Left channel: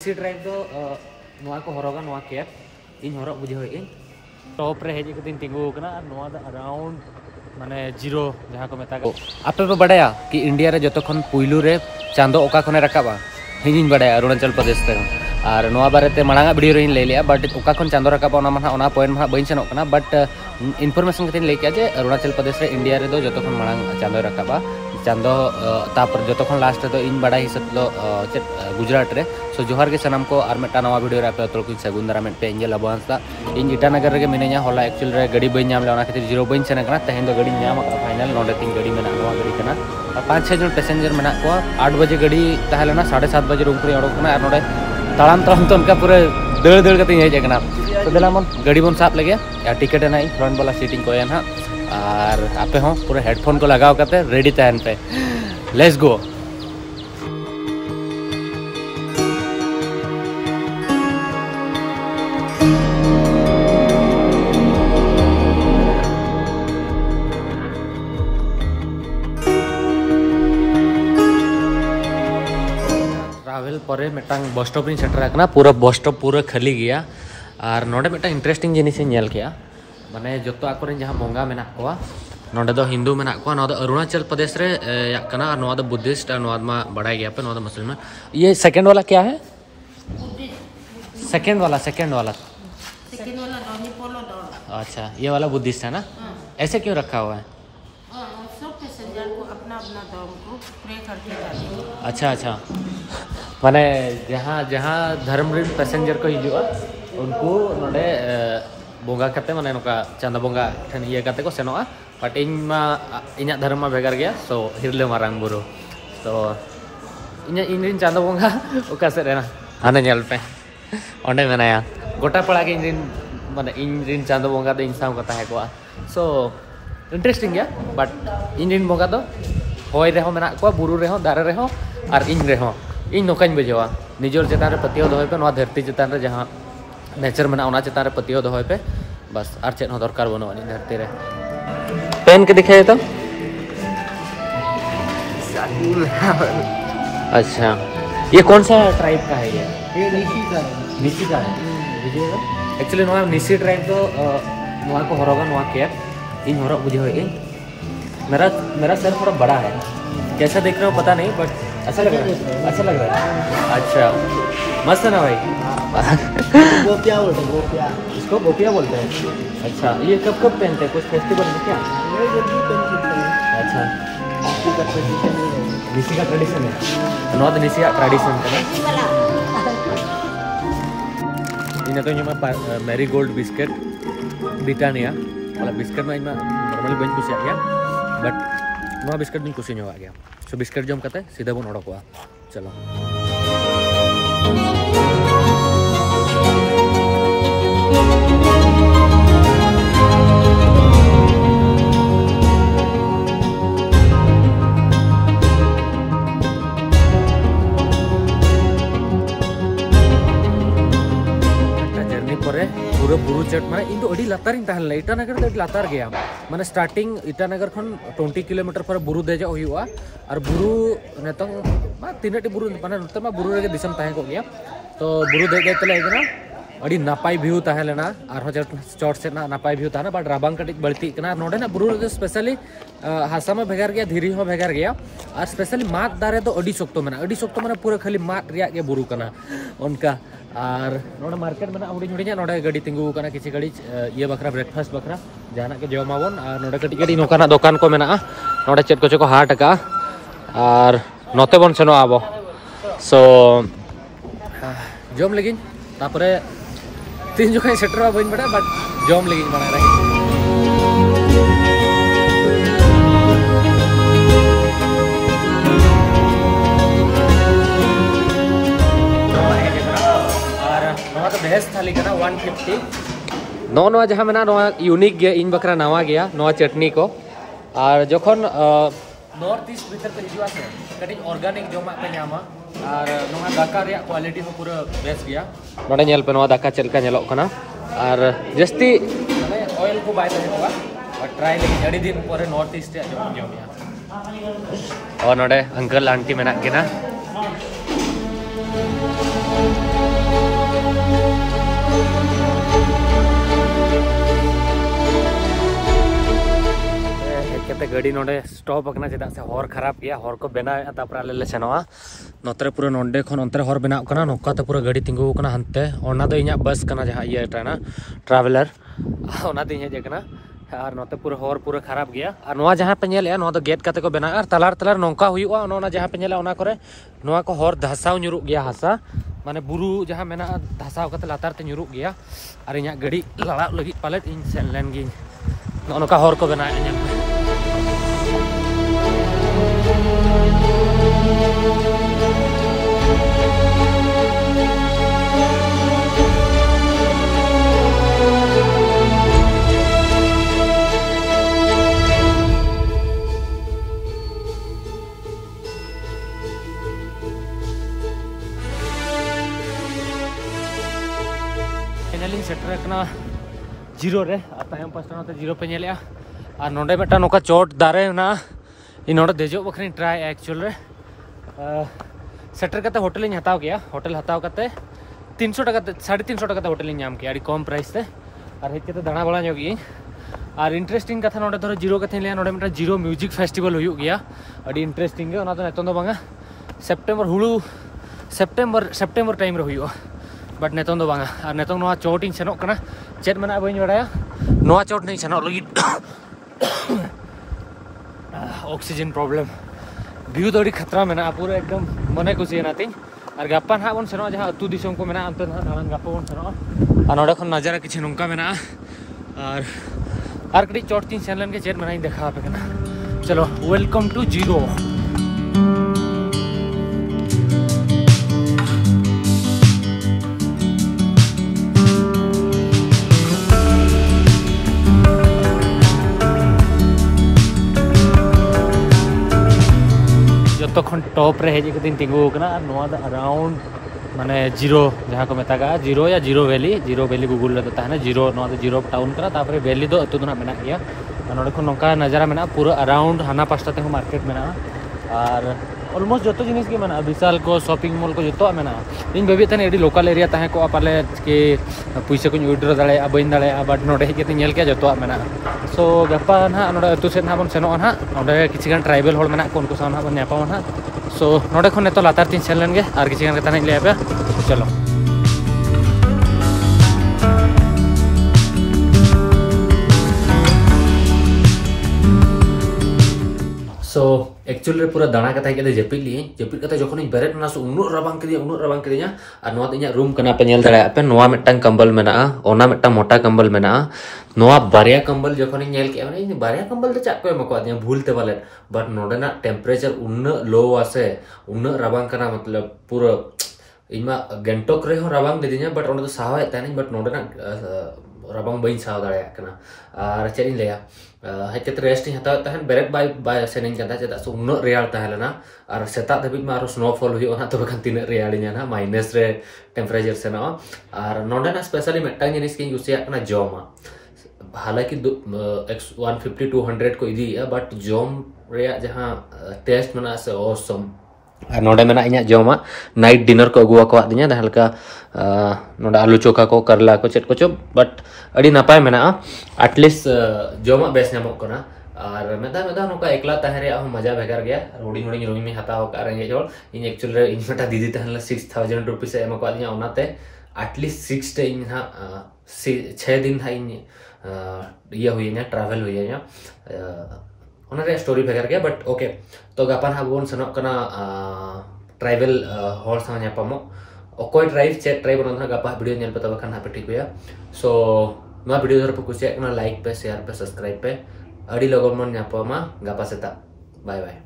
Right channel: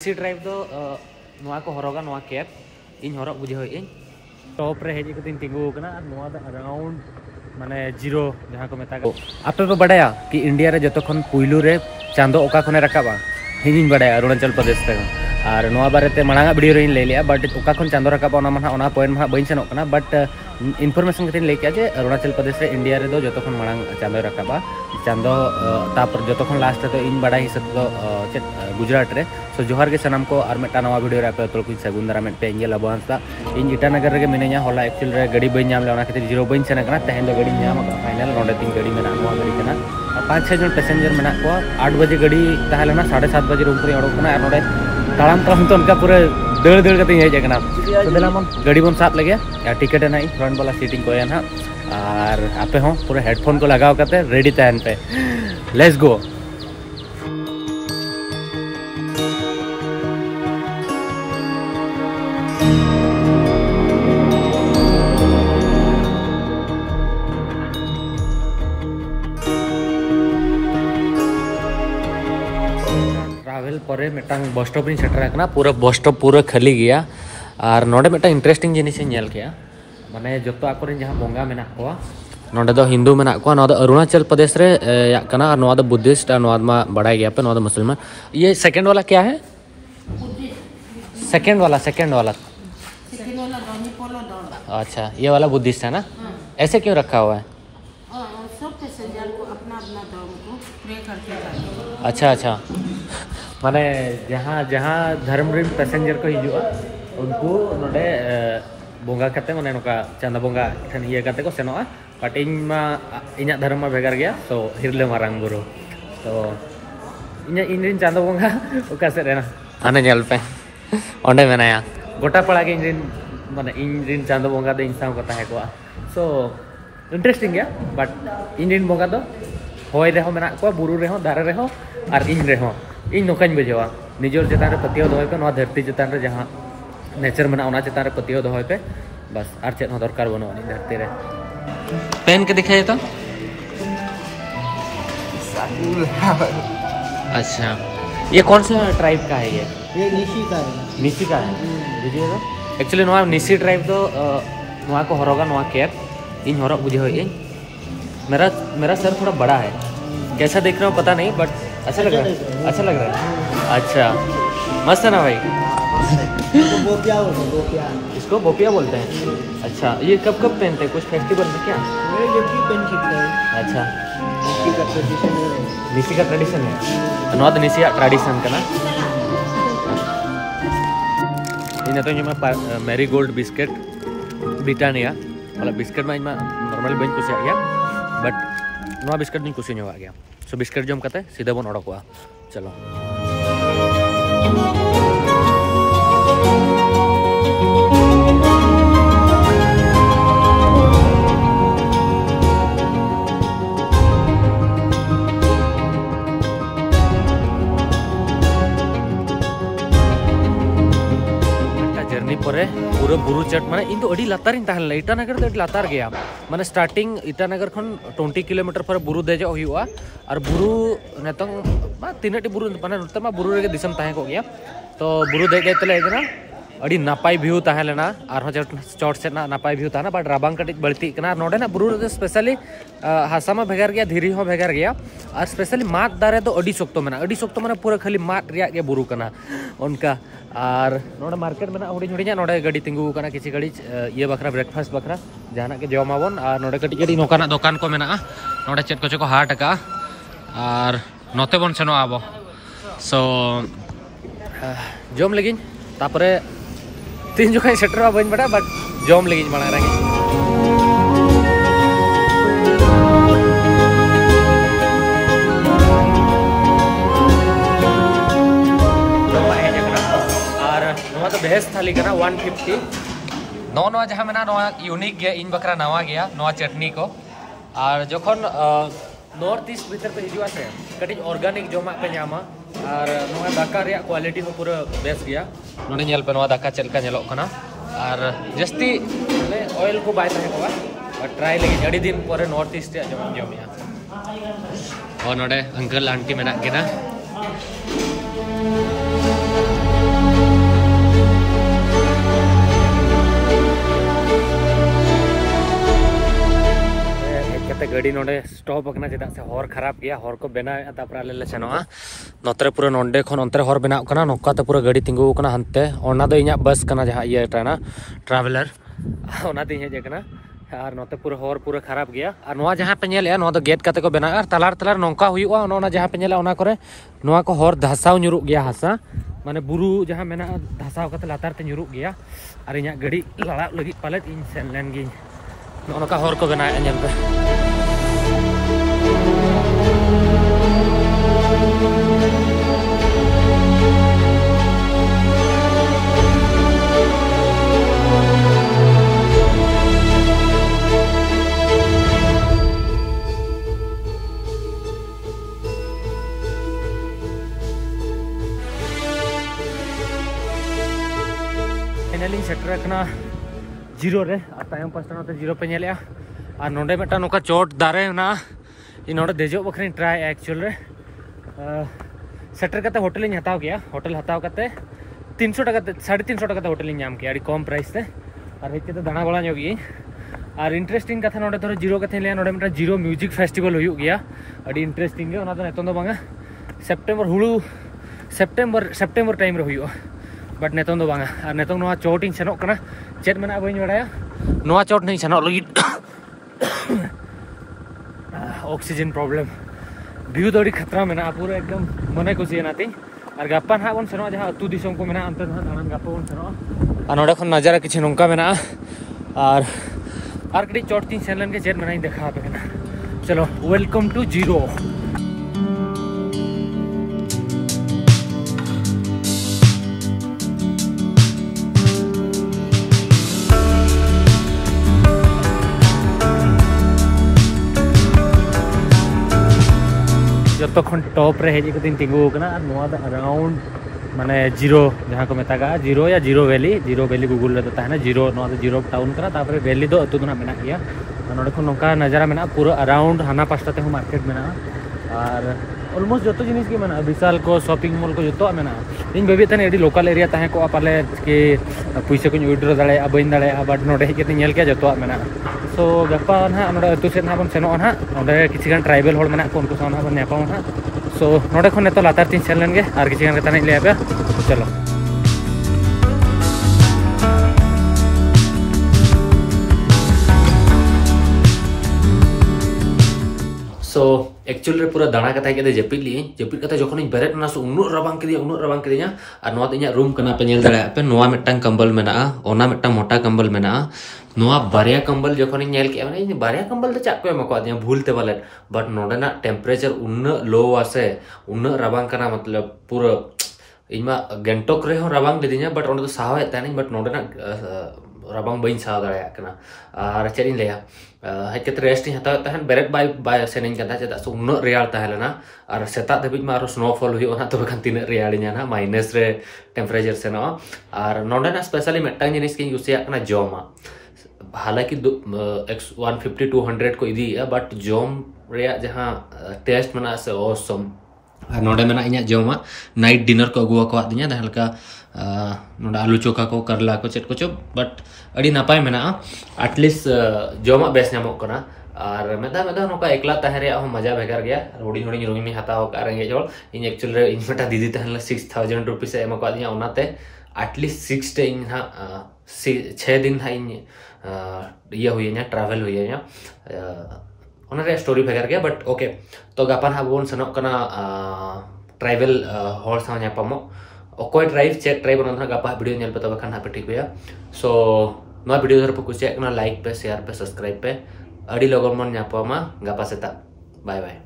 सी tribe तो को हरगा cap इन हर बुझे टॉप रे हेज तिंगू अराउंड माने जीरो जहाँ को मेता आपे पे बड़ा कि इंडिया रे जो पुलू रे चांदो ओका खने रकाबा हिंग बड़ा अरुणाचल प्रदेश ते और बारे मांगा वीडियो रे लै लिया बट ओका खन चांदो रकाबा ना पॉइंट बी सेनों बट इनफॉरमेशन कते लैके जे अरुणाचल प्रदेश रे इंडिया रे दो जो मांग चांदो रकाबा चांदो तापर जो लास्ट तो इन बड़ा हिसाब दो गुजरात रे सो जोहार के सनाम को और मेटा नवा वीडियो रे पे तो कुछ सगुन दारा मेटे इंगे लबोंसा इन इटानगर रे मिनेया होला एक्चुअली रे गाड़ी बई नाम ले ओना खातिर जीरो बई सेन कना तहेन दो गाड़ी नाम का फाइनल नोडे तीन गाड़ी मेना नवा गाड़ी कना 5-6 जन पैसेंजर मेना को 8 बजे गाड़ी ताहलेना 7:30 बजे रूम पर ओडो कना और नोडे तालाम तो उनका पूरे दड़ दड़ कते हेज कना तो देला मन गाड़ी बन साथ लगे या टिकट है ना फ्रंट वाला सीटिंग को ना और आपे हो पूरे हेडफोन को लगाव करते रेडी तहन पे लेट्स गो। ट्रैवल पर मिटांग बस स्टॉप इन सेटर पूरा बस स्टॉप पूरा खाली गया और नोडे मिटा इंटरेस्टिंग जिनिस नेल किया माने जो आकोरेन जहाँ बोंगा मेना को नोडे दो हिंदू मेना को अरुणाचल प्रदेश रे याकना और नोडे बुद्धिस्ट और नोडे मा बड़ा गया पे नोडे मुसलमान। ये सेकंड वाला क्या है? सेकंड वाला अच्छा ये वाला बुद्धिस्ट है ना? ऐसे क्यों रखा हुआ है? सब पैसेंजर को अपना अपना धर्म को प्रे करके अच्छा माने जहाँ धर्म रे पैसेंजर को हिजुआ उनको नोडे बोंगा करते माने नोका चांदा बोंगा ठन ये करते को सेनोआ बट इन धर्म में भेगार गया सो हिरले मारांग बुरु तो इन चांदा बोंगा ओका से रेना आने नेल पे ओंडे मेनाया गोटा पड़ा के इन माने इन चांदा बोंगा दो इंसान को ताहे को सो इंटरेस्टिंग गया बट इन बोंगा दो होय रे हो मेना को बुरु रे हो दारे रे हो और इन रे हो इन नोकाñ बुझेवा निजोर चेतान रे पतियो दोय पे नोआ धरती चेतान रे जहां नेचर में ना चेतान रे पतियो दोय पे बस और चेत हो दरकार बनो इन धरती रे पेन के दिखाए तो अच्छा ये कौन सा ट्राइब का है? ये निसी का है बुझिएगा एक्चुअली नोआ निसी ट्राइब तो नोआ को हरगा नोआ कैप इन हरग बुझे होय मेरा सर थोड़ा बड़ा है कैसा देख रहा हूँ पता नहीं बट अच्छा लग रहा है अच्छा मस्त है ना भाई बोपिया बोलते हैं बोपिया इसको बोपिया बोलते हैं अच्छा ये कब पहनते हैं कुछ फेस्टिवल में क्या? जल्दी पहन सकते हैं अच्छा निसी का ट्रेडिशन है नॉट निसी ट्रेडिशन का ना इन तो मैं मैरी गोल्ड बिस्किट ब्रिटानिया वाला बिस्किट में नॉर्मल बन कुछ आ गया बट नवा बिस्किट भी कुछ आ गया सो बिस्किट जम करते सीधा बन ओडोकवा चलो जर्नी पर पूरा बुरु चट माने इन तो अड़ी लातार इटानगर तो लातार गया माने स्टार्टिंग इटानगर खन 20 किलोमीटर पर बुरु देजो हुआ और बुरु नेतों तीन बुरु माने नते मा बुरु रे दिसम ताहे को गया तो बुरु देगे तले गना अड़ी नापाई व्यू ताहे लेना और चोट से ना नापाई व्यू ताना बट राबांग कटी बढ़ती कना नोडे ना बुरु रे स्पेशली हासा में भेगार गया धीरी हो भेगार गया और स्पेशली मात दारे तो अड़ी सोक्तो माने पूरा खाली मात रिया के बुरु कना उनका और नोडे मार्केट में हुडी नोडे गाड़ी तिंगू कना किसी गाड़ी ये बखरा ब्रेकफास्ट बखरा जहाना के जमाबन और नोडे कटी गाड़ी नोकाना दुकान को मेना नोडे चेत को हाट का और नोते बन सेनो आबो सो जम लगिन तापरे तीन जुखा सेटर बन बड़ा बट जम लगिन बना रही तो बेस्ट थाली कना 150 नवा जहाँ मेना यूनिक गया इन बकरा नवा गया नवा चटनी को और जखन नॉर्थ ईस्ट भीतर पे हिजुआ से कटी ऑर्गेनिक जमा पे नामा और नवा दाका रे क्वालिटी में पूरा बेस्ट गया नोडे नेल पे नवा दाका चलका नेलो कना और जस्ती माने ऑयल को बाय तहे को और ट्राई लगी अड़ी दिन पर नॉर्थ ईस्ट जमिया और नोडे अंकल आंटी मेना के ना गाड़ी नोडे स्टॉप अकना चेदा से हर खराब गया हर को बेना तापर आले ले सेनोआ नोतरे पूरा नोंडे खन अंतरे हर बेना कना नोका ते पूरा गाड़ी तिंगु कना हनते ओना दो इኛ बस कना जहां ये टाना ट्रैवलर ओना दिन हे जेकना और नोते पूरा हर पूरा खराब गया और नोआ जहां पे नेले नो दो गेट काते को बेना और तलार तलार नोंका हुईवा ओना जहां पे नेले ओना करे नोआ को हर धसाव nyuruk गया हसा माने बुरु जहां मेना धसाव काते लातार ते nyuruk गया और इኛ गाड़ी लड़ा लगी पालेट इन सेनलेन गी नोका हर को बेना नेल पे फाइनली सेटर कना जीरो रे तायम पास्टा नोते जीरो पे नेले और नोडे मेटा नोका चोट दारे ना इ नोडे देजो बखरी ट्राई एक्चुअल रे सेटर कते होटल इन हताव गया होटल हताव कते 300 टका 350 टका होटल इन नाम किया कम प्राइस ते और हेज कते दाना बड़ा जोगी और इंटरेस्टिंग कथा नोडे धरो जीरो कथे ले नोडे मेटा जीरो म्यूजिक फेस्टिवल हुई गया अडी इंटरेस्टिंग गे ओना तो नेतन दो बांगा सेप्टेम्बर हुळु सेप्टेम्बर टाइम रे हुई बट नेतन दो बांगा और नेतन नोआ चोट इन सेनोक कना चेत मना बई बड़ाया नोआ चोट नहीं सेनोक लगी ऑक्सीजन प्रॉब्लम व्यू तो खतरा में पूरा एकदम मने कुसी ना तीन और गप्पा ना बन सेनो जहां अतु दिसों को मेना अंत दान गप्पा बन सेनो और नोडे खन नजारा किछि नोंका मेना और कड़ी चोट तीन सेनलन के चेत मना देखा पे कना चलो वेलकम टू जीरो तखन टॉप रे हेज कदिन तिंगु कना और नोआ द अराउंड माने जीरो जहां को मेतागा जीरो या जीरो वैली गूगल रे तो ताहना जीरो नोआ द जीरो टाउन करा तापर वैली दो अतु दना मेना गया नोडे खन नोका नजारा मेना पूरा अराउंड हाना पास्टा ते मार्केट मेना और ऑलमोस्ट जो जिनिस के मेना विशाल को शॉपिंग मॉल को जो मेना इन बेबी तने एडी लोकल एरिया ताहे को पाले के पैसा को विड्रॉ दाड़े बइन दाड़े बट नोडे हेज के नेल के जो मेना सो गप्पा ना नोडे अतु से ना बन सेनो ना नोडे किछि गान ट्राइबल होल मेना को उनको साथ ना बन नेपा ना सो नोडे खन नेतो लातार तीन सेन लेन गे और किछि गान के ताने ले पे चलो सो एक्चुअली पूरा दाना कथा के जपिद कते जखन बेरेट ना सो उन्नु रबांग केदिया और नोआ इኛ रूम कना पे नेल दड़ा पे नोआ मिटटांग कंबल मेना ओना मिटटांग मोटा कंबल मेना नोआ बारिया कंबल जखन नेल के माने बारिया कंबल तो चाक को एमको दिया भूल ते वाले बट नोडेना टेम्परेचर उन्नु लो आसे उन्नु रबांग कना मतलब पूरा इमा गेंटोक रे हो रबांग लेदिया बट ओने तो सावे तानी बट नोडेना रबांग बइन साव दड़ा कना और चेरिन लेया हेज के रेस्ट हता तहन बेरेट बाय सेनिंग कदा चेदा सो उन्नु रेयाल ताहेलना और सेता धबिज मा स्नोफॉल हुई ओना तबे खान तिना रेयालिना ना माइनस रे टेम्परेचर सेनो और नोडेना स्पेशली मेटांग जिनिस के यूसिया कना जोमा हालांकि 150 200 को इदी बट जोम रेया जहां टेस्ट मना से ऑसम और नोडे मेना इኛ जोमा नाइट डिनर को अगुआ को दिया हल्का नोडे आलू चोखा को करला को चेट को चो बट अड़ी नापाय मेना एटलीस्ट जोमा बेस नामो कना और मेदा नोका एकला ताहे रे मजा भेगार गया रोडी रूम में हताव का रेंगे जोल इन एक्चुअल रे इन मेटा दीदी तहन 6000 रुपीस एम को दिया ओनाते एटलीस्ट 6 डे इन हा 6 दिन हा इन ये हुई ट्रैवल हुई ओनरे स्टोरी भेगार गया बट ओके तो गापान हाबोन सनो कना ट्राइबल हॉल सा न्यापामो ओकोय ड्राइव चेक ड्राइव बन गापा वीडियो नेल पे तब खान हापे ठीक हुआ सो नो वीडियो धर पे कुछ लाइक पे शेयर पे सब्सक्राइब पे अड़ी लगन मन न्यापामा गापा सेता बाय बाय।